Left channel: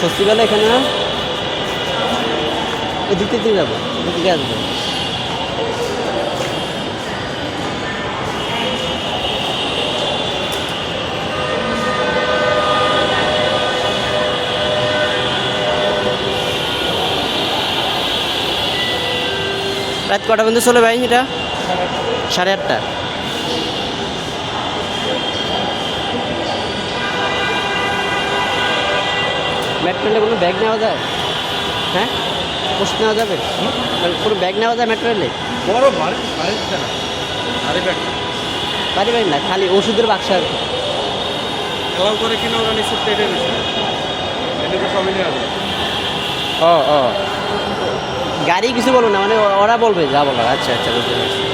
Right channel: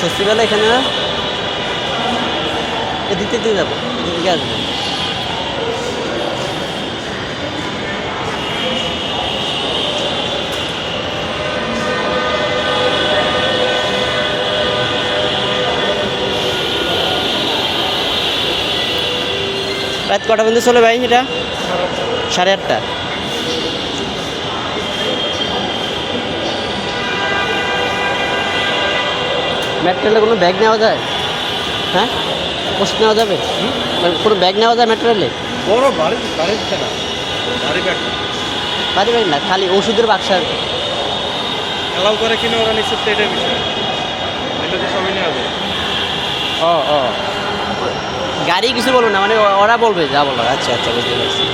ষষ্ঠীবেলা এখানে না, এদিক থেকে যাবো, এদিক থেকে আসবো। রাত কটা পর্যন্ত চলে ভাই এটা? 8:30। মেট্রোলে কোনো ব্যাগ নেওয়া যায়? হ্যাঁ, ওষুধ নেওয়া যাবে? কোনো ব্যাগ নেওয়া যায় মেট্রোলে? বড় বাড়ি বাড়ি দিতে না, বাড়ি ব্যাগ বাড়ি বাড়ি না, খালি ওষুধের বাক্স আর কি। অ্যালাউ করে কিনা ওরা নিশ্চিত, এটাই বিষয়। এটা তো সবই নেওয়া যায়। ও ও, গাড়ি কিছু বলো না, মানে ওরা বলবে যা বলো। আচ্ছা আচ্ছা, বুঝতে পারছি।